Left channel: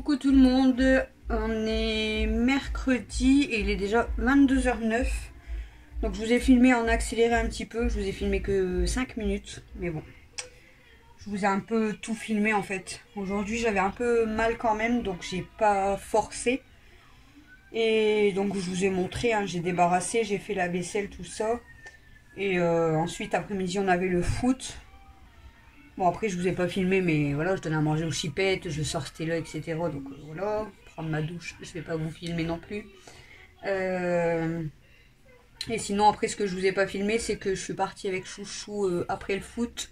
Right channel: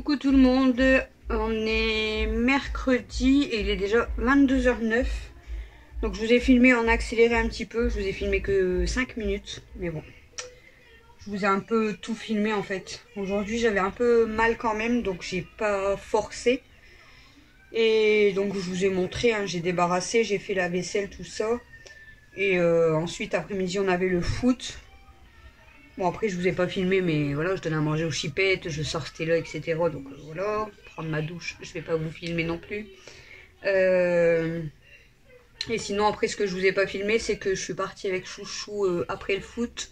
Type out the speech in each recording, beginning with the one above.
Coucou tout le monde, on est mercredi et il est déjà 22h09. Donc je vous ai filmé en accéléré un petit peu, je vous ai filmé que 5 minutes, mais bon. Je vous ai un peu tout filmé en fait. Aujourd'hui j'avais un peu mal quand même, donc j'ai pas forcé. Et donc je vous ai montré, hein, j'ai débarrassé, j'ai fait la vaisselle, tout ça. Et ensuite après-midi on avait le foot. Bon après je vous ai pas filmé mais voilà, je donnais à manger aux chipettes, je sortais là etc. Donc voilà, prendre ma douche, je vais pas vous filmer non plus. Et sinon après ce que je vous ai pas filmé c'est que je suis partie avec Chouchou après le foot.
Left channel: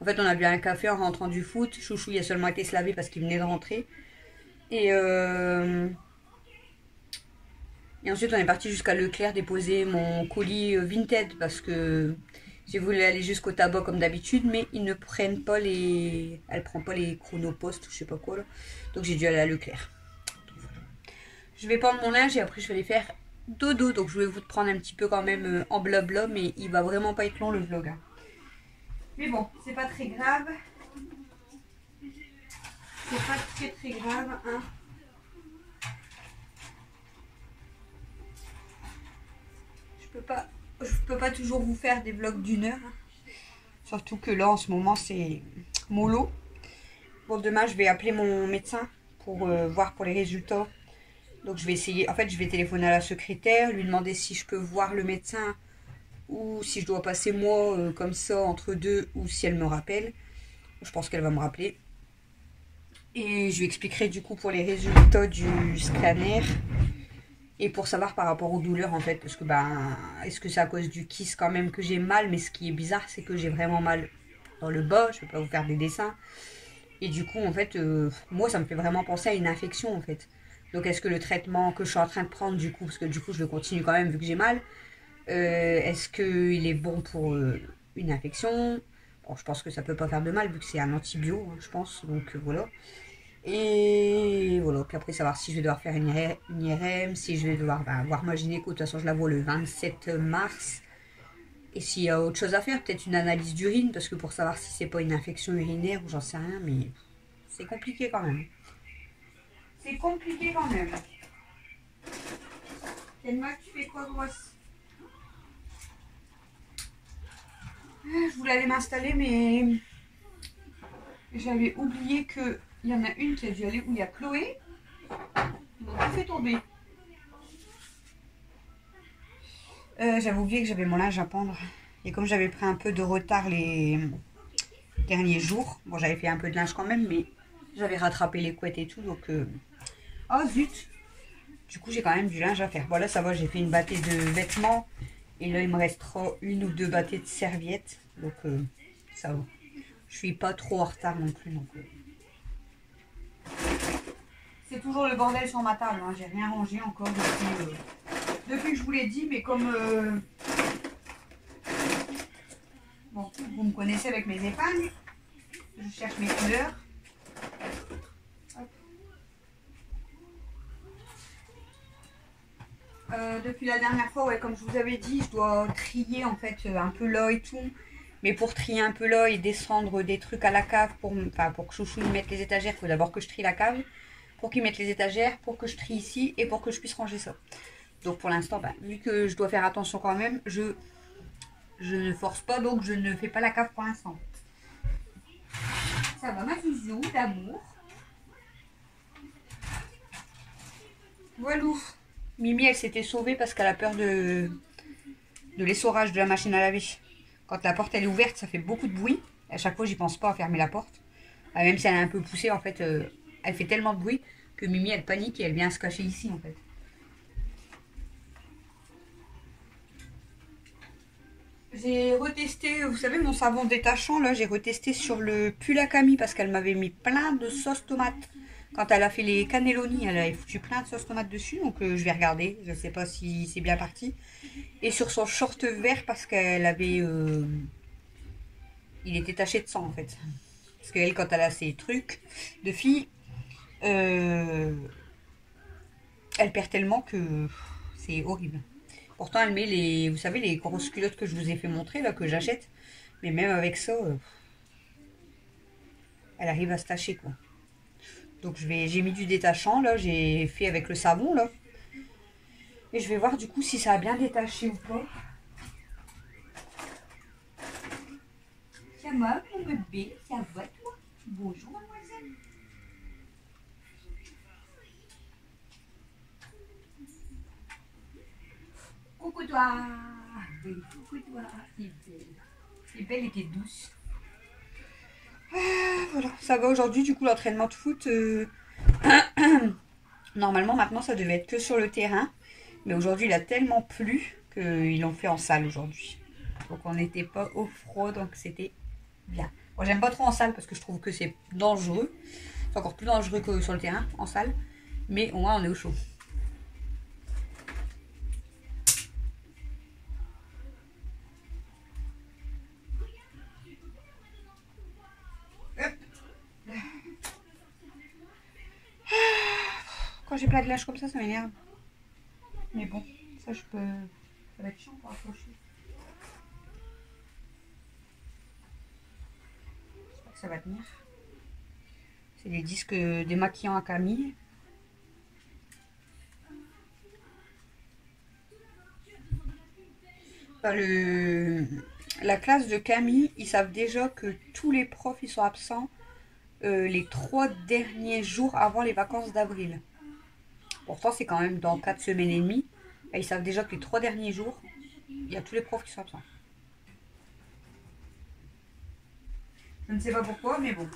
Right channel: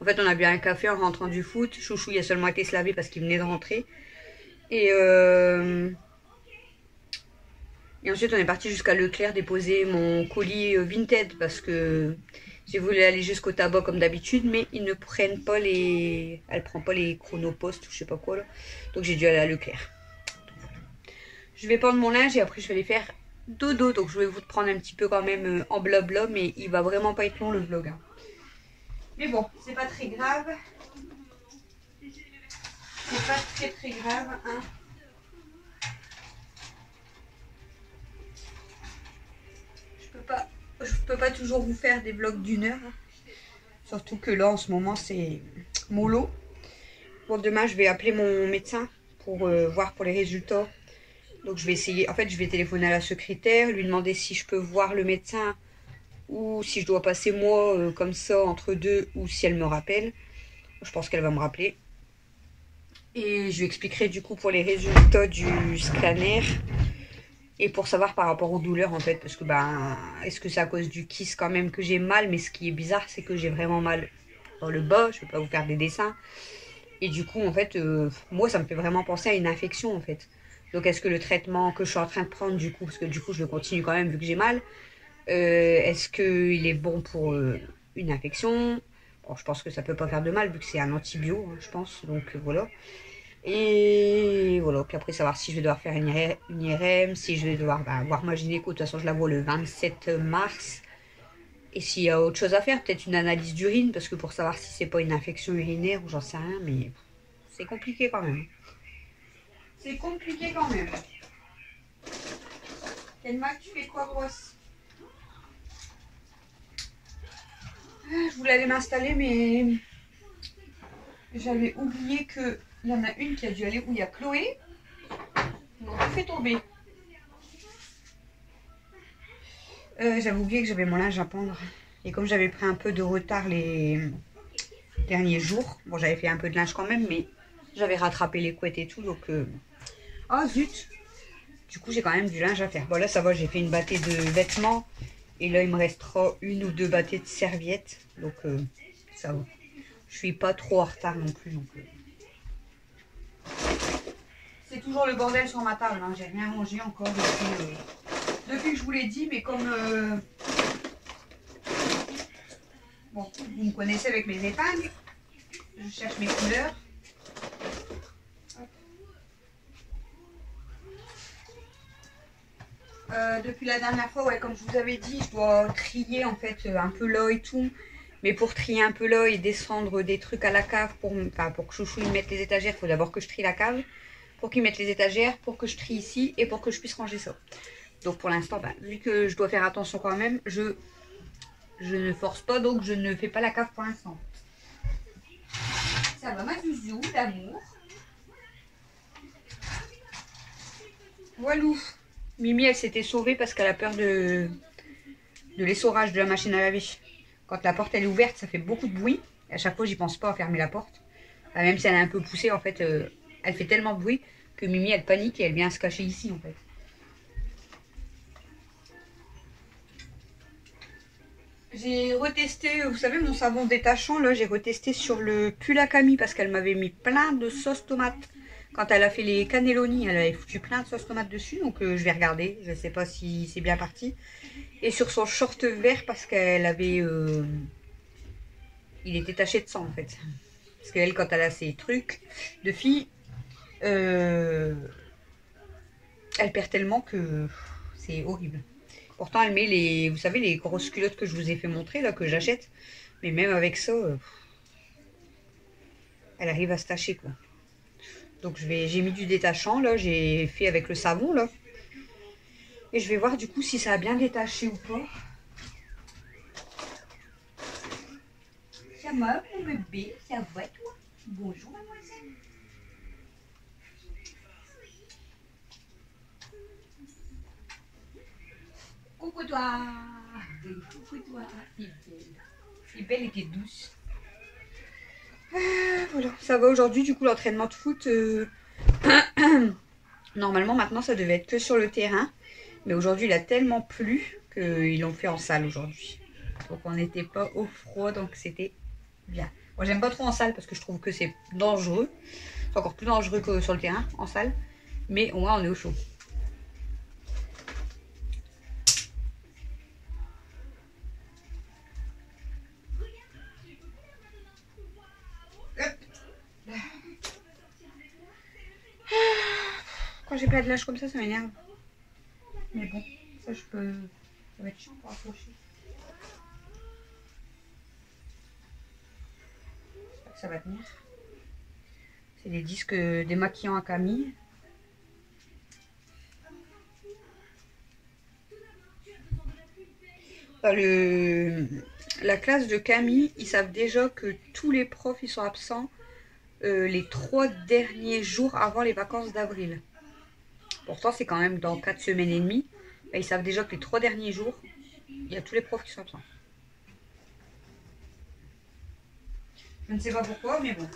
En fait on a bu un café en rentrant du foot. Chouchou il a seulement été se laver parce qu'il venait de rentrer. Et ensuite on est parti jusqu'à Leclerc déposer mon colis Vinted parce que j'ai voulu aller jusqu'au tabac comme d'habitude, mais ils ne prennent pas les... Elle prend pas les chronopostes ou je sais pas quoi là. Donc j'ai dû aller à Leclerc. Voilà. Je vais prendre mon linge et après je vais aller faire dodo. Donc je vais vous prendre un petit peu quand même en blabla, mais il va vraiment pas être long le vlog. Hein. Mais bon, c'est pas très grave. C'est pas très grave, hein. Je peux pas toujours vous faire des vlogs d'1 heure. Surtout que là, en ce moment, c'est mollo. Bon, demain, je vais appeler mon médecin pour voir pour les résultats. Donc, je vais essayer. En fait, je vais téléphoner à la secrétaire, lui demander si je peux voir le médecin ou si je dois passer moi comme ça entre deux ou si elle me rappelle. Je pense qu'elle va me rappeler. Et je lui expliquerai du coup pour les résultats du scanner. Et pour savoir par rapport aux douleurs en fait, parce que est-ce que c'est à cause du kiss quand même que j'ai mal, mais ce qui est bizarre c'est que j'ai vraiment mal dans le bas, je vais pas vous faire des dessins. Et du coup en fait, moi ça me fait vraiment penser à une infection en fait. Donc est-ce que le traitement que je suis en train de prendre du coup, parce que du coup je le continue quand même vu que j'ai mal, est-ce qu'il est bon pour une infection? Bon, je pense que ça peut pas faire de mal vu que c'est un antibio, hein, je pense, donc voilà. Et voilà, puis après savoir si je vais devoir faire une IRM, si je vais devoir voir ma gynéco, de toute façon je la vois le 27 mars. Et s'il y a autre chose à faire, peut-être une analyse d'urine, parce que pour savoir si c'est pas une infection urinaire ou j'en sais rien, mais c'est compliqué quand même. C'est compliqué quand même. Kenma, tu fais quoi grosse? Je voulais aller m'installer, mais j'avais oublié que il y en a une qui a dû aller où il y a Chloé. Ils m'ont tout fait tomber. J'avais oublié que j'avais mon linge à pendre. Et comme j'avais pris un peu de retard les derniers jours, bon j'avais fait un peu de linge quand même, mais j'avais rattrapé les couettes et tout, donc... Oh zut! Du coup j'ai quand même du linge à faire. Bon là ça va, j'ai fait une bâtée de vêtements. Et là il me restera 1 ou 2 bâtées de serviettes. Donc ça va. Je suis pas trop en retard non plus. Donc, c'est toujours le bordel sur ma table, hein. J'ai rien rangé encore depuis que je vous l'ai dit, mais comme... Bon, vous me connaissez avec mes épingles. Je cherche mes couleurs. Depuis la dernière fois, ouais, comme je vous avais dit, je dois trier en fait un peu là et tout. Mais pour trier un peu là et descendre des trucs à la cave, pour que Chouchou il mette les étagères, il faut d'abord que je trie la cave. Pour qu'il mette les étagères, pour que je trie ici et pour que je puisse ranger ça. Donc pour l'instant, vu que je dois faire attention quand même, je ne force pas, donc je ne fais pas la cave pour l'instant. Ça va ma zouzou d'amour. Voilou. Mimi elle s'était sauvée parce qu'elle a peur de l'essorage de la machine à laver. Quand la porte elle est ouverte ça fait beaucoup de bruit. À chaque fois j'y pense pas à fermer la porte. Même si elle est un peu poussée en fait, elle fait tellement de bruit que Mimi elle panique et elle vient se cacher ici en fait. J'ai retesté, vous savez mon savon détachant là, j'ai retesté sur le pull à Camille parce qu'elle m'avait mis plein de sauce tomate. Quand elle a fait les cannelloni, elle avait foutu plein de sauce tomate dessus, donc je vais regarder, je sais pas si c'est bien parti. Et sur son short vert parce qu'elle avait... il était taché de sang en fait. Parce qu'elle quand elle a ses trucs de fille, elle perd tellement que c'est horrible. Pourtant elle met les, vous savez les grosses culottes que je vous ai fait montrer là, que j'achète. Mais même avec ça, elle arrive à se tacher quoi. Donc j'ai mis du détachant là, j'ai fait avec le savon là. Et je vais voir du coup si ça a bien détaché ou pas. Ça va mon bébé, ça va toi? Bonjour mademoiselle. Coucou toi. Coucou toi. T'es belle. T'es belle et t'es douce. Voilà, ça va aujourd'hui du coup l'entraînement de foot. Normalement maintenant ça devait être que sur le terrain. Mais aujourd'hui il a tellement plu qu'ils l'ont fait en salle aujourd'hui. Donc on n'était pas au froid, donc c'était bien. Moi j'aime pas trop en salle parce que je trouve que c'est dangereux. C'est encore plus dangereux que sur le terrain, en salle. Mais au moins on est au chaud. Quand j'ai pas de lâche comme ça m'énerve. Mais bon, ça je peux... Ça va être chiant pour accrocher. J'espère que ça va tenir. C'est les disques démaquillants à Camille. Dans la classe de Camille, ils savent déjà que tous les profs ils sont absents les 3 derniers jours avant les vacances d'avril. Pourtant, c'est quand même dans 4 semaines et demie. Ils savent déjà que les 3 derniers jours, il y a tous les profs qui sont absents. Je ne sais pas pourquoi, mais bon.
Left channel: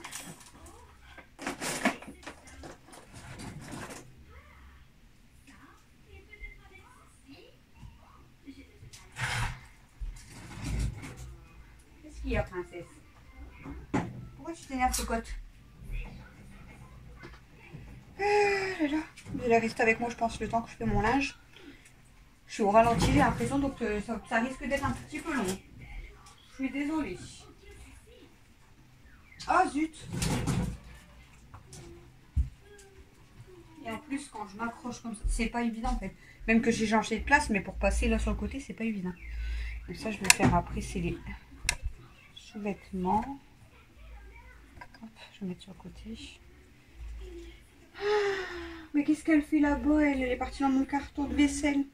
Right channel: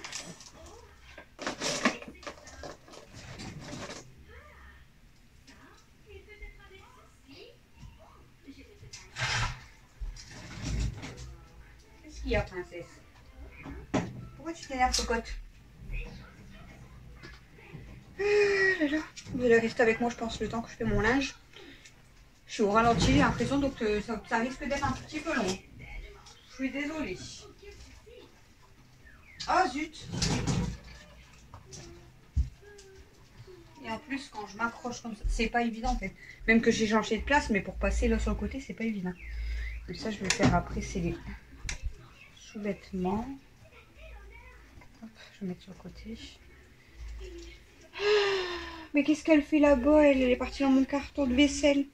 Qu'est-ce qu'il y a, princesse? Pourquoi tu t'énerves, cocotte? Vous allez rester avec moi, je pense, le temps que je fais mon linge. Je suis au ralenti, j'ai l'impression, donc ça risque d'être un petit peu long. Je suis désolée. Ah zut! Et en plus, quand je m'accroche comme ça, c'est pas évident en fait. Même que j'ai changé de place, mais pour passer là sur le côté, c'est pas évident. Donc ça, je vais faire après, c'est les sous-vêtements. Hop, je vais mettre sur le côté. Mais qu'est-ce qu'elle fait là-bas? Elle est partie dans mon carton de vaisselle.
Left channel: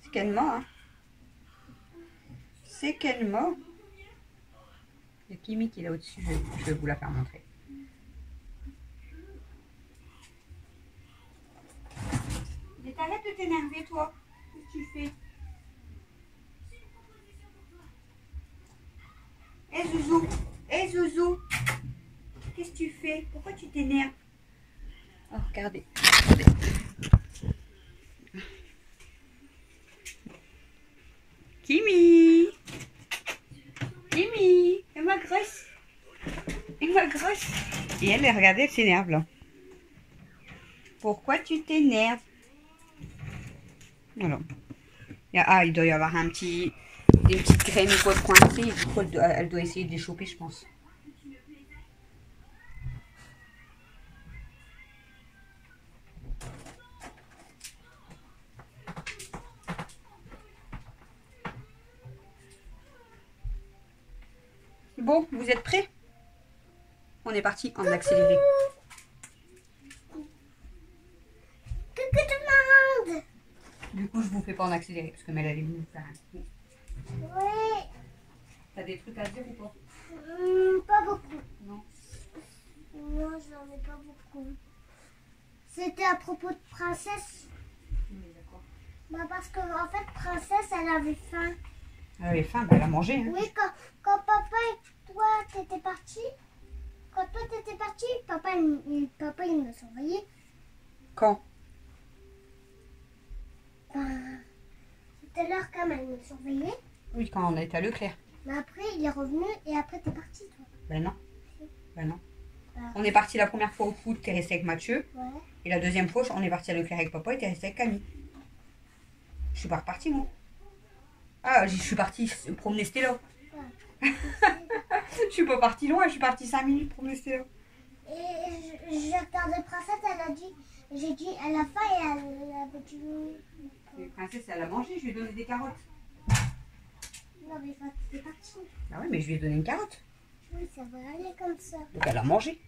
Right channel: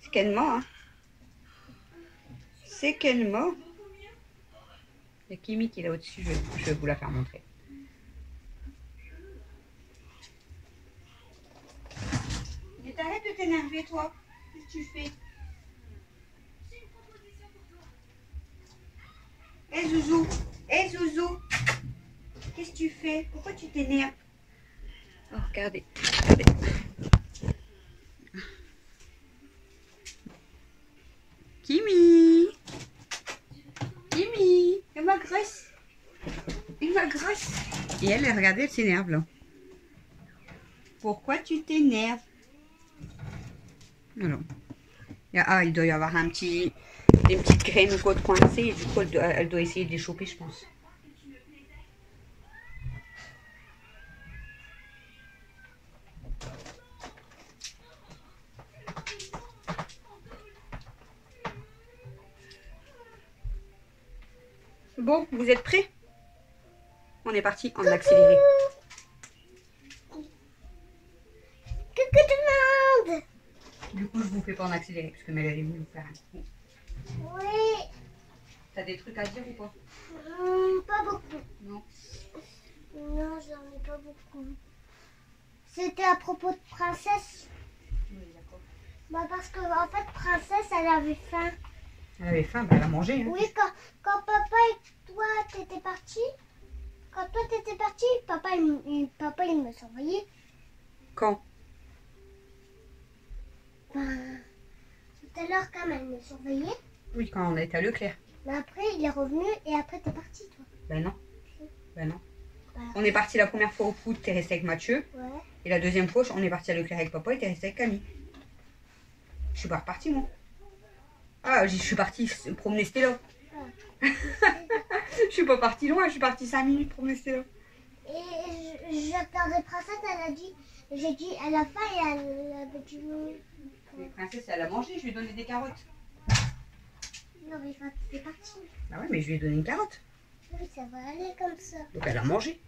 C'est Kenma, hein. C'est Kenma. Il y a Kimi qui est là au-dessus, je vais vous la faire montrer. Mais t'arrêtes de t'énerver, toi. Qu'est-ce que tu fais? Hé Zouzou, hé Zouzou, qu'est-ce que tu fais? Pourquoi tu t'énerves? Oh, regardez, regardez. Kimi, Kimi, elle m'agresse. Elle m'agresse. Et elle, regardez, elle s'énerve là. Pourquoi tu t'énerves? Alors, il doit y avoir des petites graines ou quoi de coincées. Et du coup, elle doit essayer de les choper, je pense. Bon, vous êtes prêts? On est parti en accéléré. Coucou tout le monde. Du coup, je vous fais pas en accéléré parce que Mel elle est venue vous faire un coup. Oui. T'as des trucs à dire ou pas? Pas beaucoup. Non. Non, j'en ai pas beaucoup. C'était à propos de Princesse. Oui, d'accord. Bah parce que en fait, Princesse, elle avait faim. Elle avait faim, bah elle a mangé. Hein. Oui, quand papa et toi t'étais partis, papa il me surveillait. Quand? Ben, tout à l'heure quand même, il me surveillait. Oui, quand on a été à Leclerc. Mais après, il est revenu et après t'es parti toi. Ben non. Ben non. Bah, On est parti la première fois au foot, t'es resté avec Mathieu. ouais. Et la deuxième fois, on est parti à Leclerc avec papa et t'es resté avec Camille. Je suis pas repartie, moi. Ah, je suis partie promener Stella. Je suis pas partie loin, je suis partie 5 minutes promener Stella. Et je regardais Princesse, j'ai dit, elle a faim et elle avait du... La princesse, elle a mangé, je lui ai donné des carottes. Non mais quand t'es parti. Bah ouais, mais je lui ai donné une carotte. Oui, ça va aller comme ça. Donc elle a mangé.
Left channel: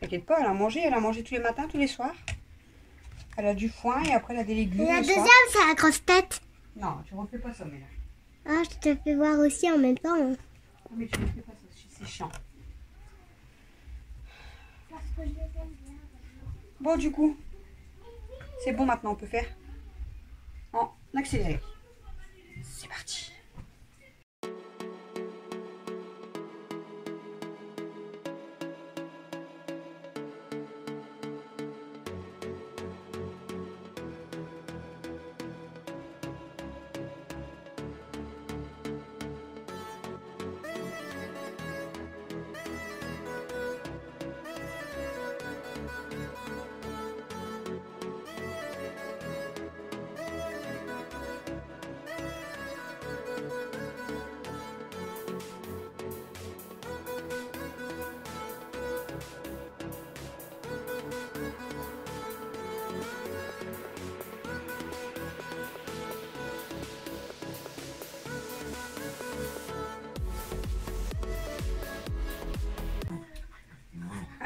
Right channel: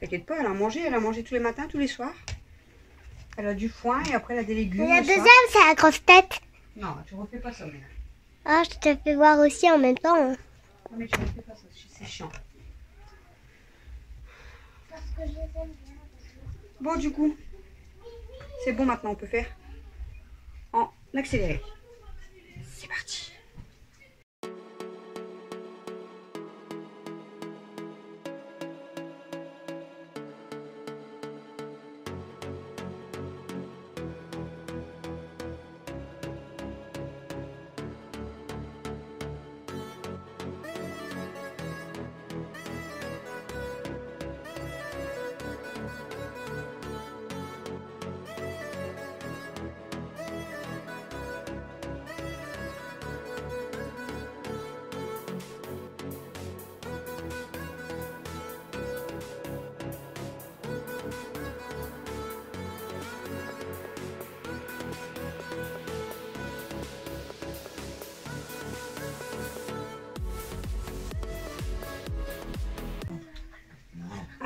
T'inquiète pas, elle a mangé tous les matins, tous les soirs. Elle a du foin et après elle a des légumes. Et la le soir. deuxième, c'est la grosse tête. Non, tu refais pas ça, Ménage. Ah, je te fais voir aussi en même temps. Non, mais tu refais pas ça, c'est chiant. Parce que je les aime bien. Bon, du coup, c'est bon maintenant, on peut faire en accéléré. C'est parti.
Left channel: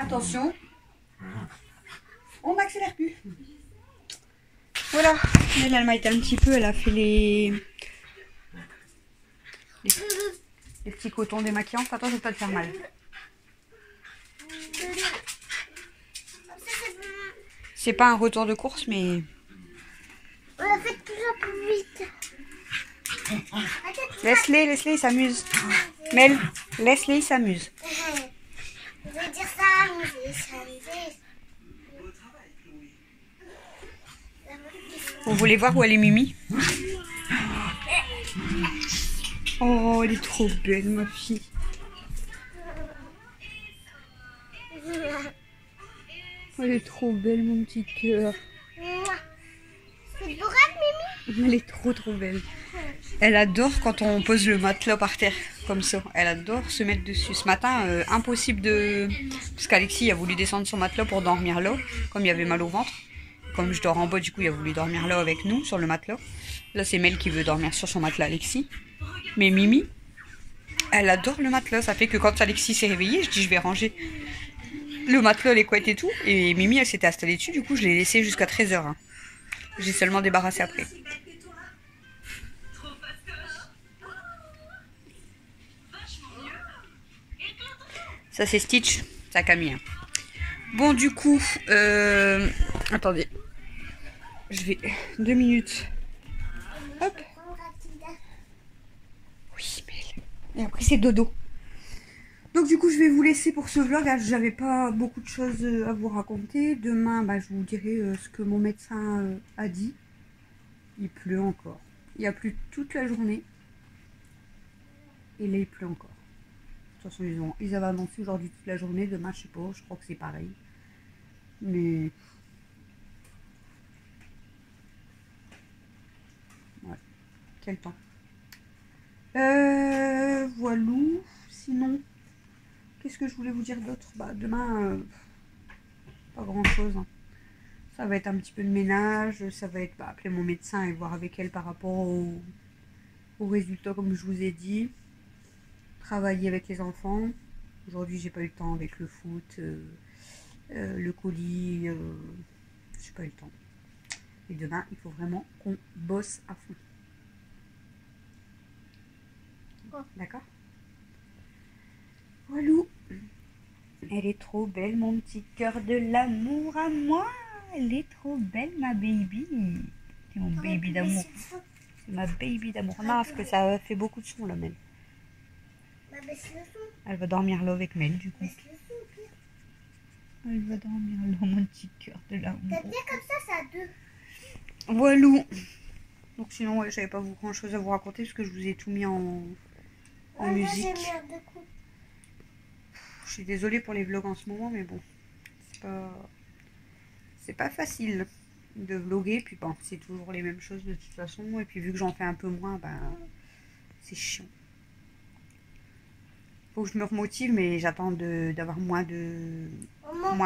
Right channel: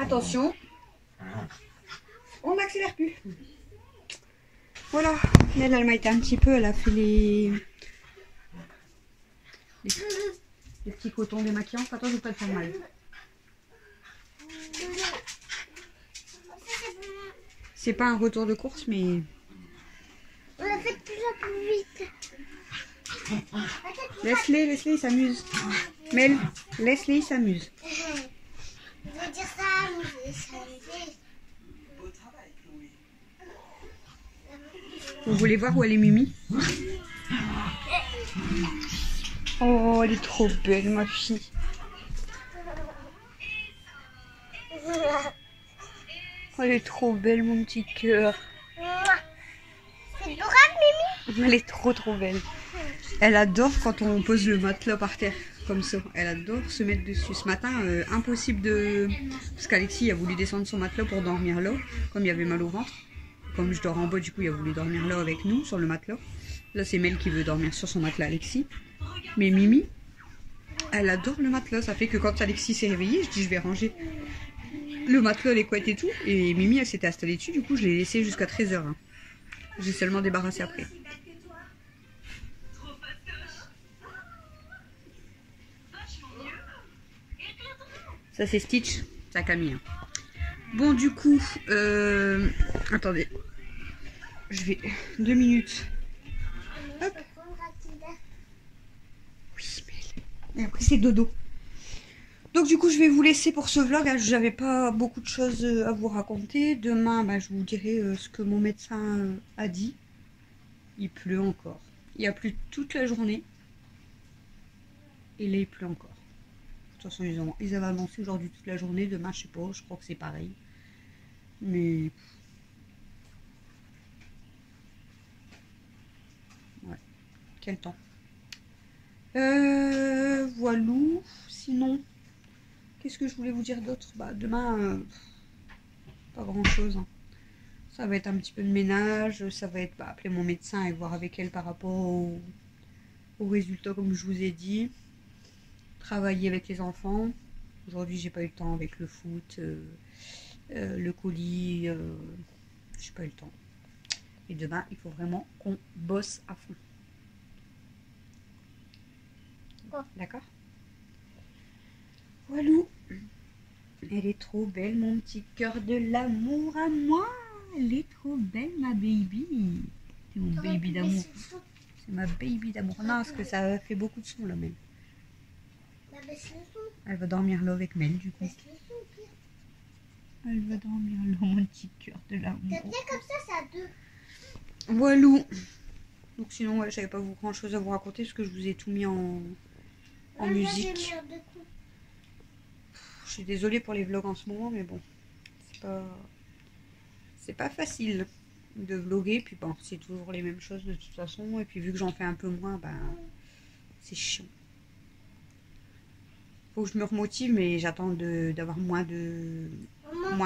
Attention, on n'accélère plus. Voilà, elle m'a été un petit peu, elle a fait les petits cotons démaquillants. Attends, je ne vais pas te faire mal. C'est pas un retour de course, mais... On l'a fait de plus en plus vite. Laisse-les, ils s'amusent. Mel, laisse-les, ils s'amusent. Je vais dire ça, Vous voulez voir où elle est Mimi? Oh, elle est trop belle, ma fille. Oh, elle est trop belle, mon petit cœur. C'est adorable, Mimi. Elle est trop belle. Elle adore quand on pose le matelas par terre, comme ça. Elle adore se mettre dessus. Ce matin, impossible de... Parce qu'Alexis a voulu descendre son matelas pour dormir là, comme il avait mal au ventre. Comme je dors en bas, du coup, il a voulu dormir là avec nous, sur le matelas. Là, c'est Mel qui veut dormir sur son matelas, Alexis. Mais Mimi, elle adore le matelas. Ça fait que quand Alexis s'est réveillé, je dis, je vais ranger le matelas, les couettes et tout. Et Mimi, elle s'était installée dessus. Du coup, je l'ai laissé jusqu'à 13h. Hein. J'ai seulement débarrassé après. Ça, c'est Stitch. Ça, Camille. Bon, du coup, attendez. Je vais... 2 minutes. Hop. Oui, mais... Et après, c'est dodo. Donc, du coup, je vais vous laisser pour ce vlog. J'avais pas beaucoup de choses à vous raconter. Demain, bah, je vous dirai ce que mon médecin a dit. Il pleut encore. Il a plu toute la journée. Et là, il pleut encore. De toute façon, ils avaient annoncé aujourd'hui toute la journée. Demain, je sais pas, je crois que c'est pareil. Mais... Ouais. Quel temps. Voilà. Sinon, qu'est-ce que je voulais vous dire d'autre? Bah, demain, pas grand-chose. Hein. Ça va être un petit peu de ménage. Ça va être appeler mon médecin et voir avec elle par rapport aux résultats, comme je vous ai dit. Travailler avec les enfants. Aujourd'hui, j'ai pas eu le temps avec le foot, le colis. J'ai pas eu le temps. Et demain, il faut vraiment qu'on bosse à fond. D'accord? Voilà. Elle est trop belle, mon petit cœur de l'amour à moi. Elle est trop belle, ma baby. C'est mon baby d'amour. C'est ma baby d'amour. Non, parce que ça fait beaucoup de son, là, Mel. Elle va dormir là avec Mel, du coup. Elle va dormir là, mon petit cœur de l'amour. Comme ça, c'est à 2. Voilà. Donc sinon, ouais, j'avais pas grand chose à vous raconter parce que je vous ai tout mis en musique. Je suis désolée pour les vlogs en ce moment, mais bon, c'est pas facile de vlogger. Puis bon, c'est toujours les mêmes choses de toute façon. Et puis vu que j'en fais un peu moins, ben c'est chiant. Faut que je me remotive, mais j'attends d'avoir moins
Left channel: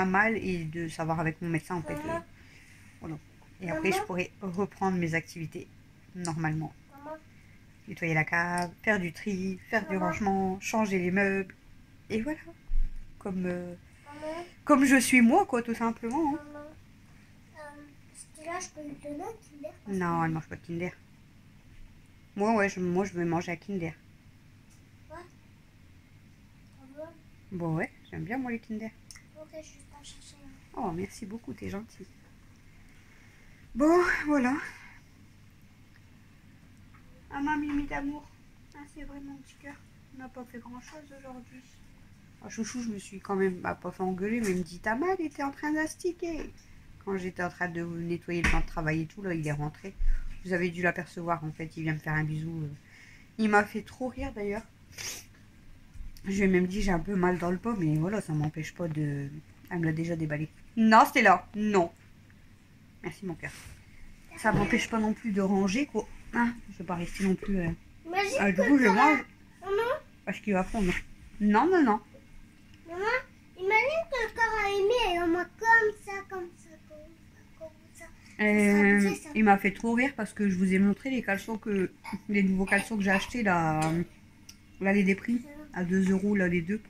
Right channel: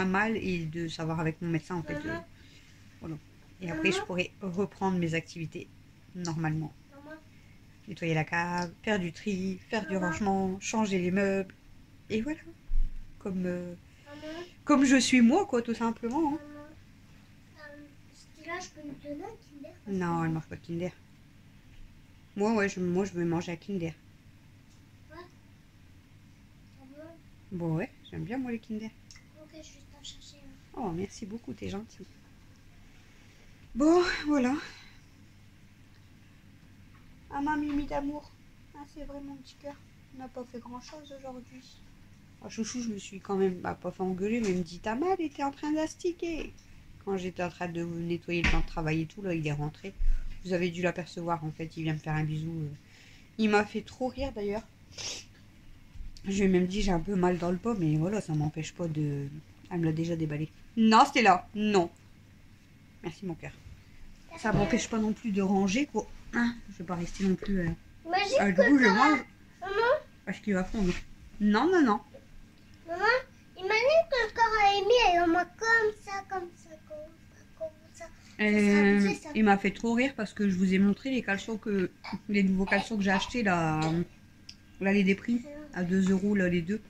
mal et de savoir avec mon médecin en fait. Voilà. Et après, je pourrai reprendre mes activités normalement. nettoyer la cave, faire du tri, faire du rangement, changer les meubles. Et voilà. Comme, Maman, comme je suis moi, quoi, tout simplement. Hein. maman, là, je peux lui donner un Kinder parce Non, que- elle mange pas de Kinder. Moi, ouais, moi, je veux manger à Kinder. Ah bon. Bon, ouais, j'aime bien, moi, les Kinder. Ok, je vais juste en chercher un. Oh, merci beaucoup, t'es gentil. Bon, voilà. Ah, ma Mimi d'amour. Ah, c'est vrai, mon petit cœur. On n'a pas fait grand-chose aujourd'hui. Oh, chouchou, je me suis quand même pas fait engueuler, mais il me dit, t'as mal, il était en train d'astiquer. Quand j'étais en train de nettoyer le plan de travail et tout, là, il est rentré. Vous avez dû l'apercevoir, en fait, il vient me faire un bisou. Il m'a fait trop rire, d'ailleurs. Je lui ai même dit, j'ai un peu mal dans le pot, mais voilà, ça m'empêche pas de... Elle me l'a déjà déballé. Non, c'était là. Non. Merci, mon cœur. Ça m'empêche pas non plus de ranger, quoi. Hein, je vais pas rester non plus... Imagine du coup, je le mange Maman, parce qu'il va fondre. Non, non, non. maman, imagine que le corps a émis et on m'a comme ça, comme ça, comme ça. Il m'a fait trop rire parce que je vous ai montré les caleçons les nouveaux caleçons que j'ai achetés là, les des prix à 2 € là les deux.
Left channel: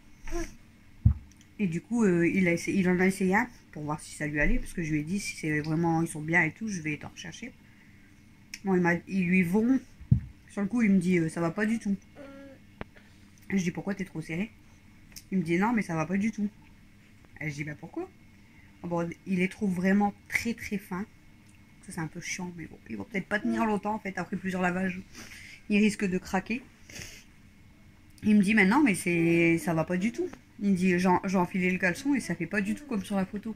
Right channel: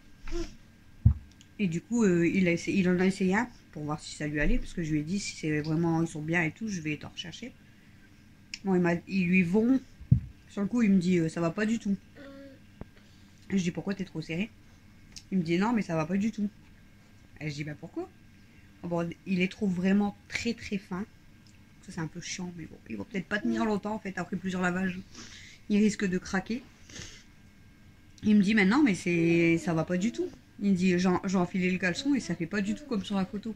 Et du coup il en a essayé un pour voir si ça lui allait parce que je lui ai dit si c'est vraiment ils sont bien et tout je vais t'en rechercher. Bon ils lui vont sur le coup il me dit ça va pas du tout. Je dis pourquoi t'es trop serré? Il me dit non mais ça va pas du tout. Et je dis bah pourquoi? Bon, il les trouve vraiment très très fins. Ça c'est un peu chiant mais bon ils vont peut-être pas tenir longtemps en fait après plusieurs lavages. Il risque de craquer. Il me dit maintenant mais ça va pas du tout. Il me dit j'ai enfilé le caleçon et ça fait pas du tout comme sur la photo.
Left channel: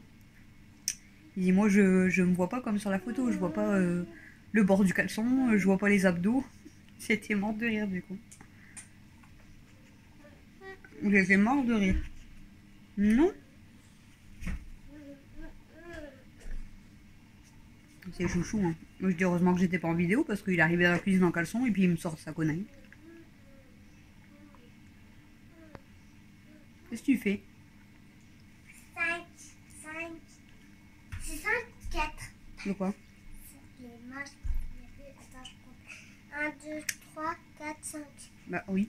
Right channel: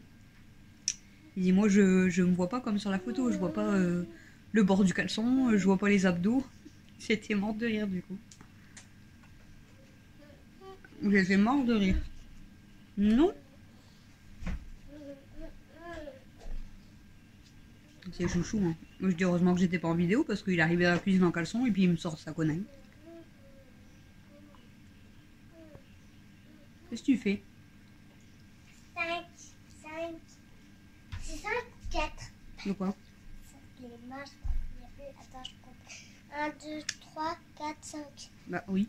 Il dit moi je me vois pas comme sur la photo, je vois pas le bord du caleçon, je vois pas les abdos. J'étais morte de rire du coup. J'étais morte de rire. Non. C'est chouchou hein. Moi je dis heureusement que j'étais pas en vidéo parce qu'il est arrivé dans la cuisine en caleçon et puis il me sort sa connerie. Qu'est-ce que tu fais? 5. C'est 5, 4. De quoi? Les marches. Attends, je compte. 1, 2, 3, 4, 5. Bah oui.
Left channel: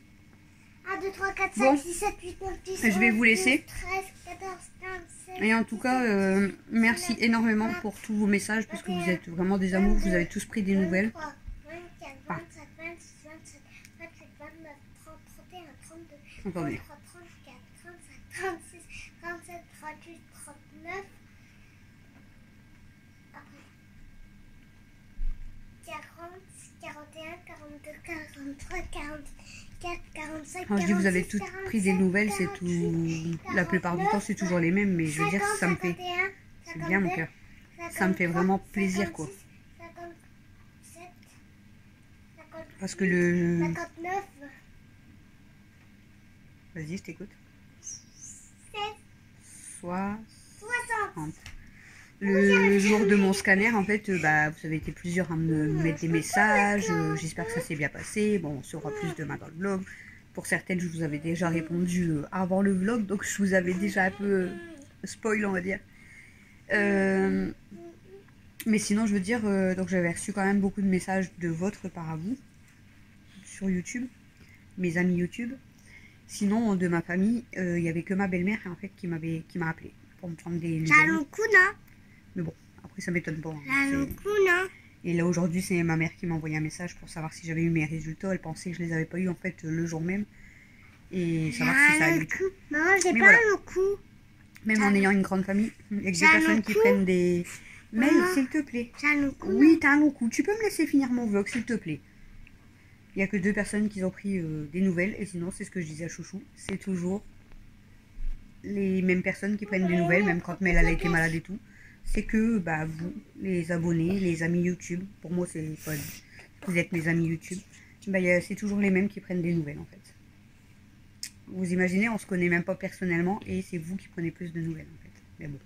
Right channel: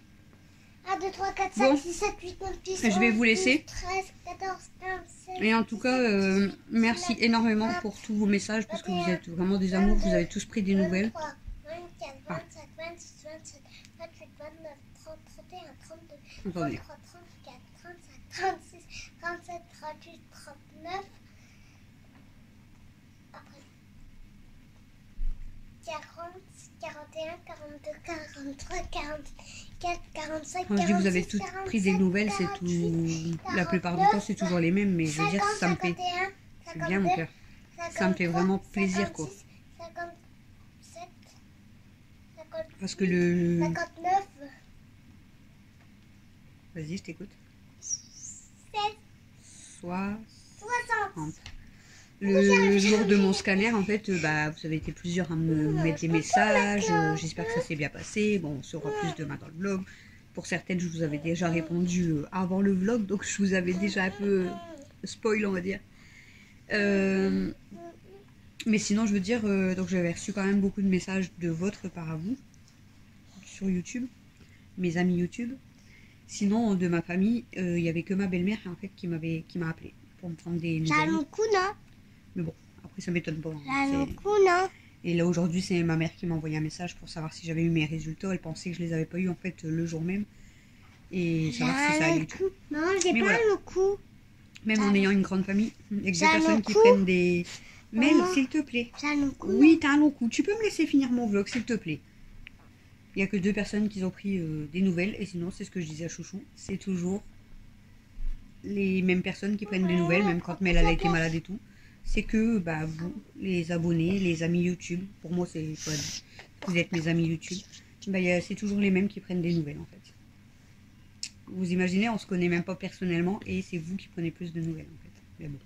1, 2, 3, 4, Bon. 5, 6, 7, 8, 9, 10. Je vais vous laisser. 13, 14, 15, 16. Et en tout cas, merci énormément pour tous vos messages parce que vous êtes vraiment des amours. Vous avez tous pris des nouvelles. 23, 24, 25, 26, 27, 28, 29, 30, 31, 32, Attendez. 33, 34, 35, 36, 37, 38, 39. Après. 40, 41, 42, 43, 44, 45, Quand je dis vous avez 46, toutes pris des nouvelles, c'est tout. La plupart du temps, c'est toujours les mêmes, mais je veux dire, ça me fait. C'est bien mon cœur. Ça me fait vraiment plaisir quoi. 57, 50, Parce que le. 59, Vas-y, je t'écoute. 7, 60. 60. Le jour de mon scanner, en fait, bah, vous avez été plusieurs à me mettre des messages. J'espère que ça s'est bien passé. Bon, on saura plus demain dans le vlog. Pour certaines, je vous avais déjà répondu avant le vlog, donc je vous avais déjà un peu spoil, on va dire. Mais sinon, je veux dire, donc j'avais reçu quand même beaucoup de messages de votre part à vous sur YouTube, mes amis YouTube. Sinon, de ma famille, il y avait que ma belle-mère en fait qui m'a appelé pour me prendre des nouvelles. J'ai un coup, non? Mais bon, après ça m'étonne pas. J'ai un coup, non? Et là aujourd'hui, c'est ma mère qui m'a envoyé un message pour savoir si j'avais eu mes résultats. Elle pensait que je les avais pas eu en fait le jour même et savoir si ça allait. Maman, j'ai Mais pas voilà. le coup. Même en ayant une grande famille, avec des J'ai un personnes long qui cou. prennent des. Mel, Maman. s'il te plaît. J'ai un coup. Oui, t'as un long coup. Tu peux me laisser finir mon vlog, s'il te plaît. Il n'y a que 2 personnes qui ont pris des nouvelles. Et sinon, c'est ce que je disais à Chouchou. C'est toujours les mêmes personnes qui prennent des nouvelles, même quand Mel elle a été malade et tout. C'est que bah, vous, les abonnés, les amis YouTube, pour moi, c'est pas. Vous êtes mes amis YouTube. Bah, c'est toujours les mêmes qui prennent des nouvelles, en fait. Vous imaginez, on se connaît même pas personnellement. Et c'est vous qui prenez plus de nouvelles, en fait. Mais bon.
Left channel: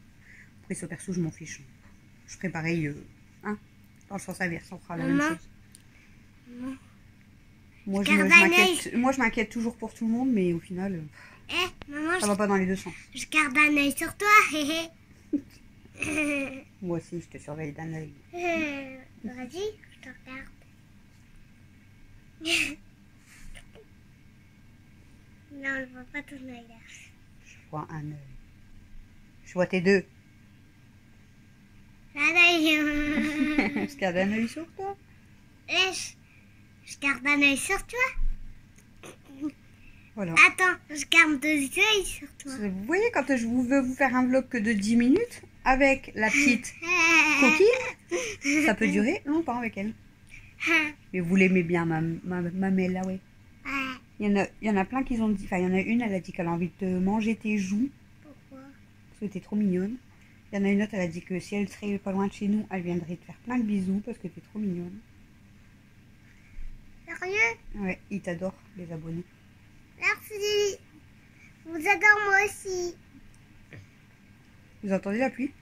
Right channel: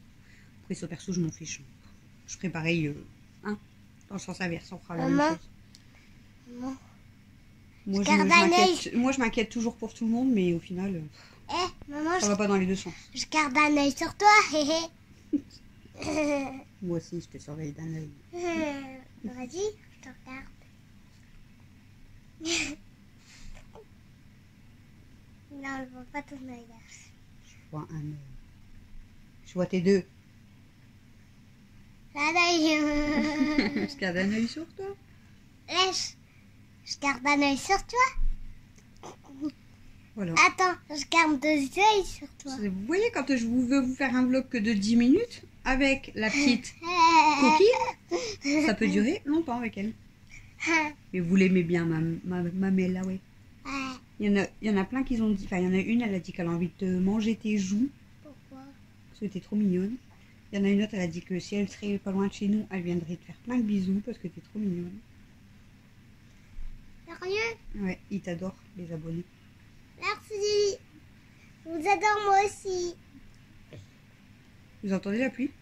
Après, ce perso, je m'en fiche. Je ferai pareil, hein, dans le sens inverse, on fera la même Maman. chose. Maman. Moi, je m'inquiète toujours pour tout le monde, mais au final, Maman, ça va pas dans les deux sens. je garde un œil sur toi. Moi aussi, je te surveille d'un œil. Vas-y, je te regarde. Non, je vois pas ton œil là. Je vois un œil. Je vois tes deux. Je garde un œil sur toi. Je garde un œil sur toi. Voilà. Attends, je garde 2 œils sur toi. Vous voyez, quand je veux vous faire un vlog que de 10 minutes, avec la petite coquine, ça peut durer longtemps avec elle. Mais vous l'aimez bien, ma Mel, là, ouais. Il y en a plein qui ont dit, enfin, il y en a une, elle a dit qu'elle a envie de te manger tes joues. Pourquoi? Parce que t'es trop mignonne. Il y en a une autre, elle a dit que si elle serait pas loin de chez nous, elle viendrait te faire plein de bisous parce que t'es trop mignonne. Sérieux? Ouais, ils t'adorent, les abonnés. Merci. Je vous adore moi aussi. Vous entendez la pluie?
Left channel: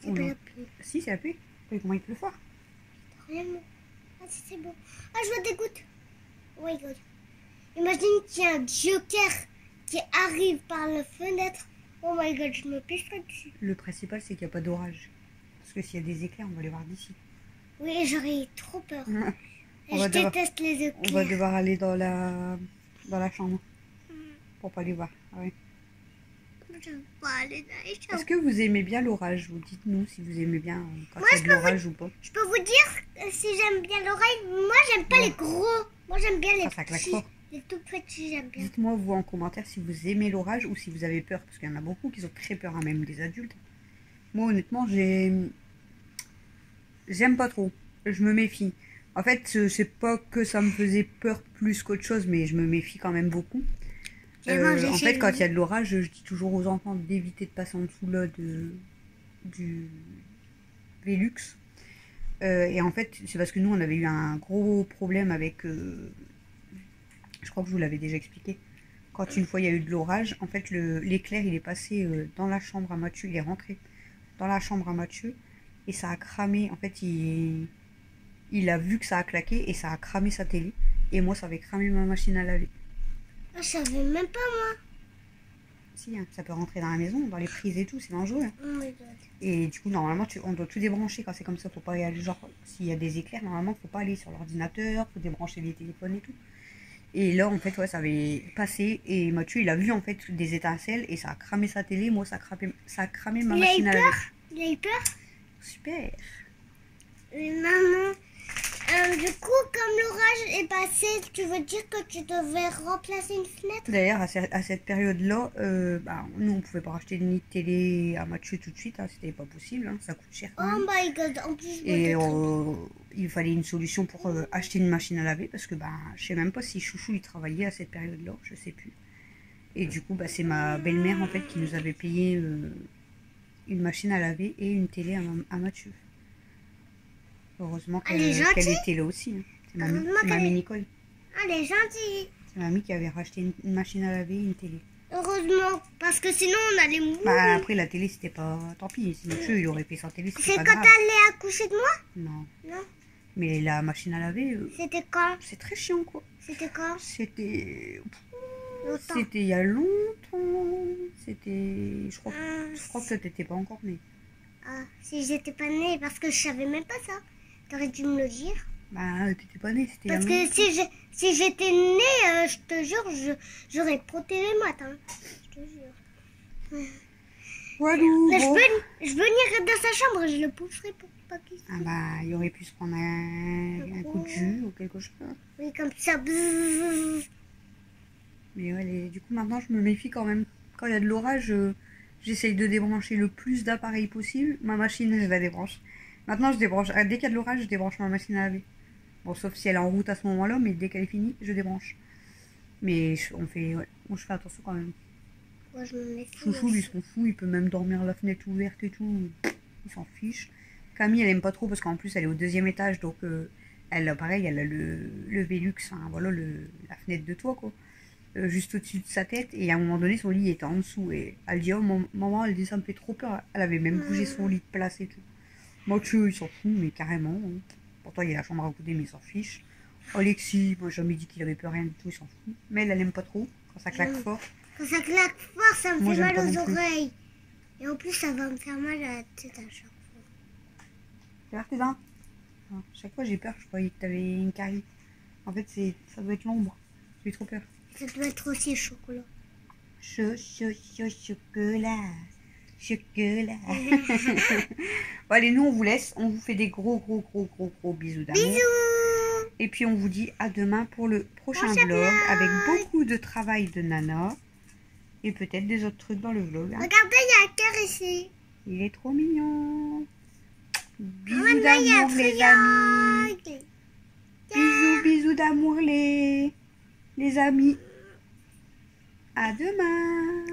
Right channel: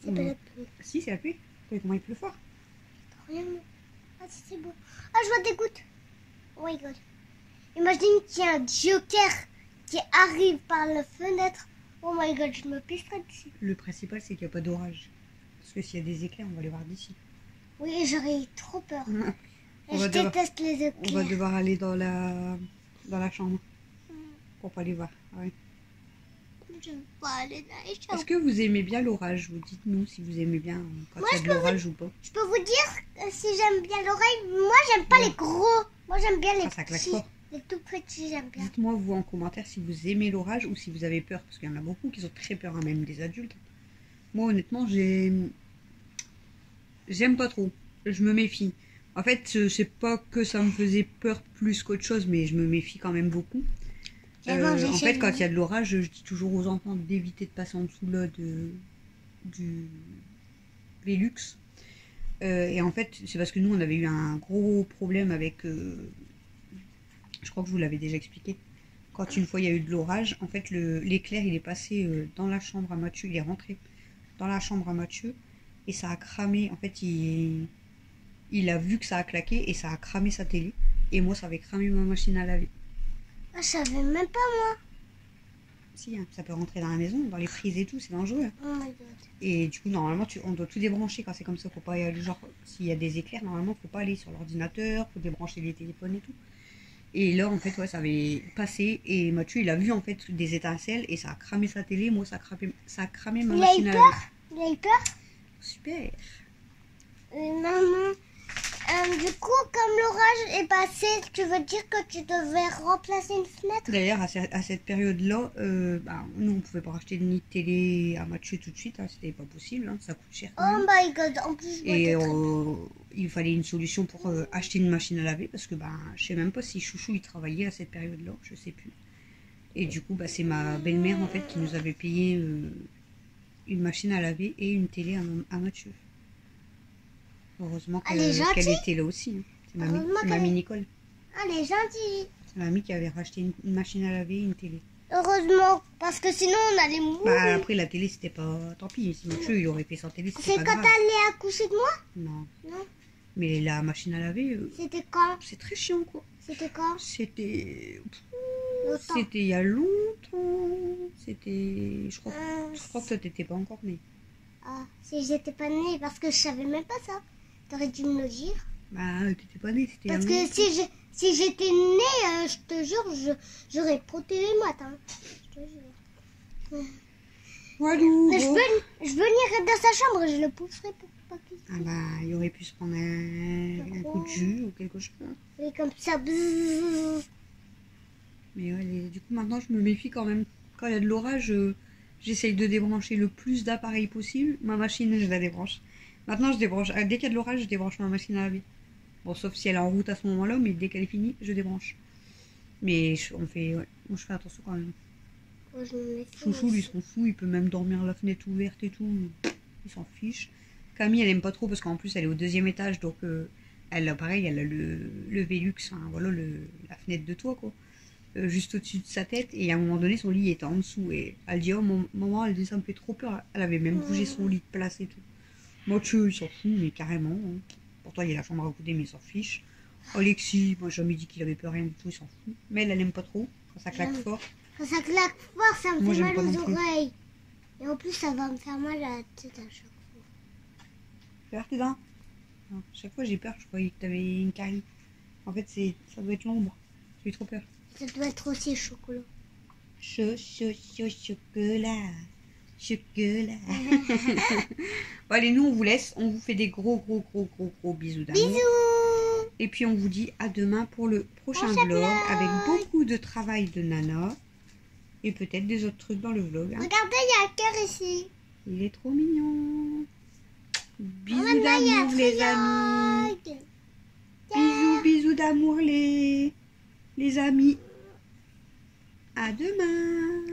C'est pas la pluie. Si, c'est la pluie. T'as vu comment il pleut fort? Rien. Ah, c'est beau. Ah, je vois des gouttes. Oh my god. Imagine qu'il y a un joker qui arrive par la fenêtre. Oh my god, je me pisserai dessus. Le principal, c'est qu'il n'y a pas d'orage. Parce que s'il y a des éclairs, on va les voir d'ici. Oui, j'aurais trop peur. On déteste les éclairs. On va devoir aller dans la chambre pour pas les voir. Ah ouais. Je veux pas aller dans les chambres. Est-ce que vous aimez bien l'orage? Vous dites-nous si vous aimez bien quand il y a de l'orage ou pas. Je peux vous dire si j'aime bien l'oreille. Moi, j'aime pas les gros. Moi, j'aime bien les Ça claque petits. fort. Les tout petits, j'aime bien. Dites-moi vous en commentaire si vous aimez l'orage ou si vous avez peur. Parce qu'il y en a beaucoup qui ont très peur, hein, même des adultes. Moi, honnêtement, j'aime pas trop. Je me méfie. En fait, c'est pas que ça me faisait peur plus qu'autre chose, mais je me méfie quand même beaucoup. En fait, quand il y a de l'orage, je dis toujours aux enfants d'éviter de passer en dessous là du Velux. Et en fait, c'est parce que nous, on avait eu un gros problème avec... je crois que je vous l'avais déjà expliqué. Quand une fois il y a eu de l'orage, en fait, l'éclair, il est passé dans la chambre à Mathieu. Il est rentré dans la chambre à Mathieu. Et ça a cramé. En fait, il a vu que ça a claqué et ça a cramé sa télé. Et moi, ça avait cramé ma machine à laver. Ah, je savais même pas, moi. Si, hein, ça peut rentrer dans la maison, dans les prises et tout, c'est dangereux. Hein. Oh my god. Et du coup, normalement, on doit tout débrancher quand c'est comme ça. Faut pas y aller, genre, s'il y a des éclairs, normalement, faut pas aller sur l'ordinateur, faut débrancher les téléphones et tout. Et là, en fait, ouais, ça avait passé. Et Mathieu, il a vu, en fait, des étincelles et ça a cramé sa télé. Moi, ça a cramé ma machine à laver. Il a eu peur? Super. Maman, du coup, comme l'orage est passé, tu veux dire que tu devais remplacer une fenêtre? D'ailleurs, à cette période-là, nous, on pouvait pas racheter ni de télé à Mathieu tout de suite. Hein, c'était pas possible. Hein, ça coûte cher quand même. Oh my god, en plus, Et il fallait une solution pour acheter une machine à laver parce que je sais même pas si Chouchou il travaillait à cette période-là, je sais plus. Et du coup, c'est ma belle-mère en fait qui nous avait payé une machine à laver et une télé à Mathieu. Heureusement qu'elle était là aussi. Hein. C'est mamie Nicole. Elle est gentille. C'est mamie qui avait racheté une machine à laver et une télé. Heureusement, parce que sinon on allait mourir. Après la télé c'était pas... Tant pis, si Mathieu il aurait fait sans télé, c'était pas grave. C'est quand t'allais accoucher de moi? Non. Non. Mais la machine à laver... C'était quand? C'est très chiant quoi. C'était quand? C'était il y a longtemps. C'était... Je crois que toi t'étais pas encore née. Ah, si j'étais pas née, parce que je savais même pas ça. T'aurais dû me le dire. T'étais pas née, c'était il y a longtemps. Parce que si j'étais née, je te jure, j'aurais protégé Matt. Hein. Je te jure. Walou, mais je venirais dans sa chambre et je le pousserais pour pas qu'il se... il aurait pu se prendre un coup de jus ou quelque chose. Oui, comme ça. Bzzz. Mais ouais, du coup, maintenant, je me méfie quand même. Quand il y a de l'orage, j'essaye de débrancher le plus d'appareils possible. Ma machine, je la débranche. Maintenant, je débranche. Dès qu'il y a de l'orage, je débranche ma machine à laver. Bon, sauf si elle est en route à ce moment-là, mais dès qu'elle est finie, je débranche. Mais moi, je fais attention quand même. Moi, je me méfie. Chouchou, lui, s'en fout. Il peut même dormir la fenêtre ouverte et tout. Il s'en fiche. Camille, elle aime pas trop parce qu'en plus, elle est au 2e étage. Donc, pareil, elle a le Velux, enfin, voilà, la fenêtre de toit, quoi. Juste au-dessus de sa tête. Et à un moment donné, son lit était en dessous. Et elle dit, oh, maman, elle dit, ça me fait trop peur. Elle avait même bougé son lit de place et tout. Mathieu, il s'en fout, mais carrément. Hein. Pourtant, il y a la chambre à côté, mais il s'en fiche. Alexis, moi, j'ai jamais dit qu'il avait peur, rien du tout, il s'en fout. Mais elle aime pas trop, quand ça claque fort. Quand ça claque fort, ça me fait mal aux oreilles. Et en plus, ça va me faire mal à la tête à chaque fois. Fais voir tes dents. Alors, chaque fois j'ai peur, je croyais que t'avais une carie. En fait, ça doit être l'ombre. J'ai eu trop peur. Ça doit être aussi chocolat. Chocolat. Chocolat. Bon, allez, nous on vous laisse. On vous fait des gros bisous d'amour. Bisous. Et puis on vous dit à demain pour le prochain vlog avec beaucoup de travail de Nana. Et peut-être des autres trucs dans le vlog. Hein. Regardez, il y a un cœur ici. Il est trop mignon. Bisous Maman, il y a un d'amour les amis. triangle. Bisous d'amour les amis. À demain.